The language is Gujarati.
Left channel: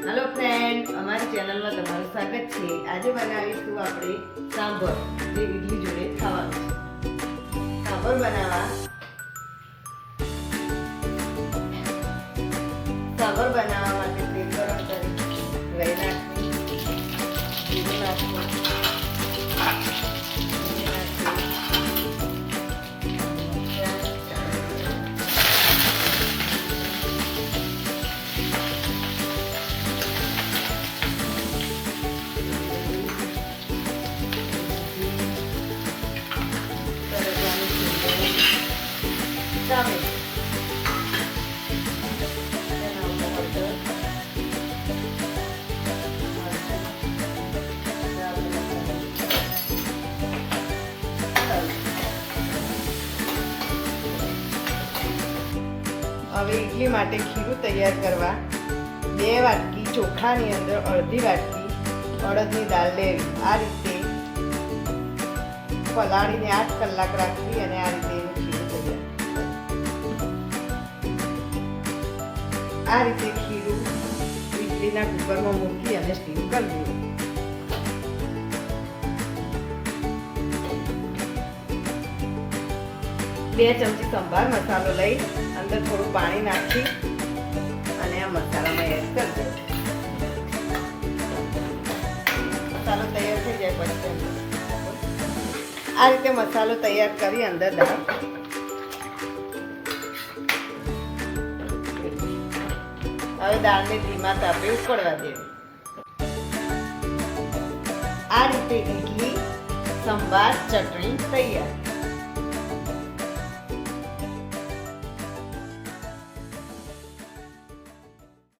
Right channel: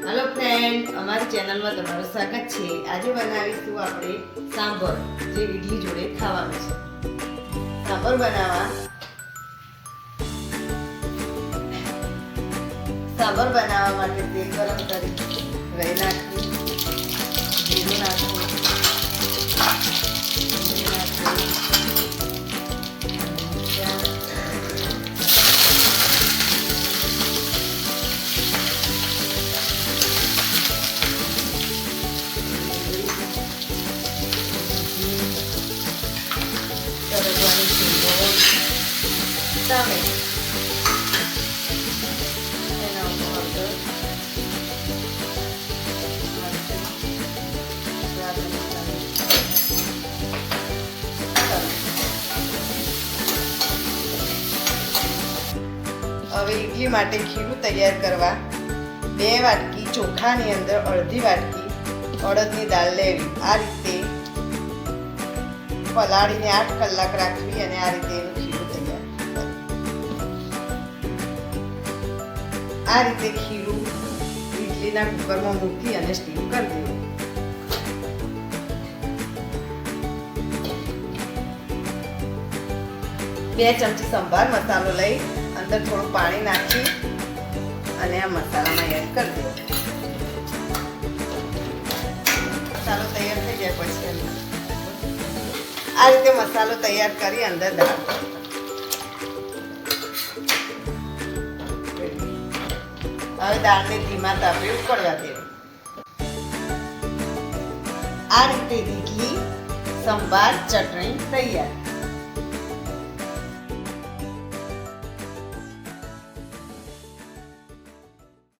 હેલો ફ્રેન્ડ અમારી ચેનલમાં તમારું સ્વાગત છે. આજે બનાવીશું આપણે સાંભર, જે ઈડલી જોડે ખાવાનું છે. સાંભર બનાવવા. સાંભર બનાવવા માટે તેલ ગરમ કરી નાખી ટામેટ હવે ઇડલી માટે ખીરું તૈયાર કરવા બે વાટકી ચોખાની અંદર અડધી વાટકી અડદની દાળ લેવી. આ રીતે પલાળીને આઠ કલાક રાખવી અને આ રીતે એનું ખીરું આ રીતે ખીરું ઇડલીના કુકરમાં મૂકી અને સ્ટીમ કરવું બે ચમચી સંભાર મસાલો લઈ અંદર થોડું પાણી નાખી અને આ મસાલામાં એડ કરી દો મસાલો તૈયાર થઈ જાય પછી. આ રીતે મસાલો તૈયાર કરી અંદર દાળ દાળને ધીમા તાપે ઉકળવા દે. આ રીતે ઇડલી સંભાર ચટણી તૈયાર.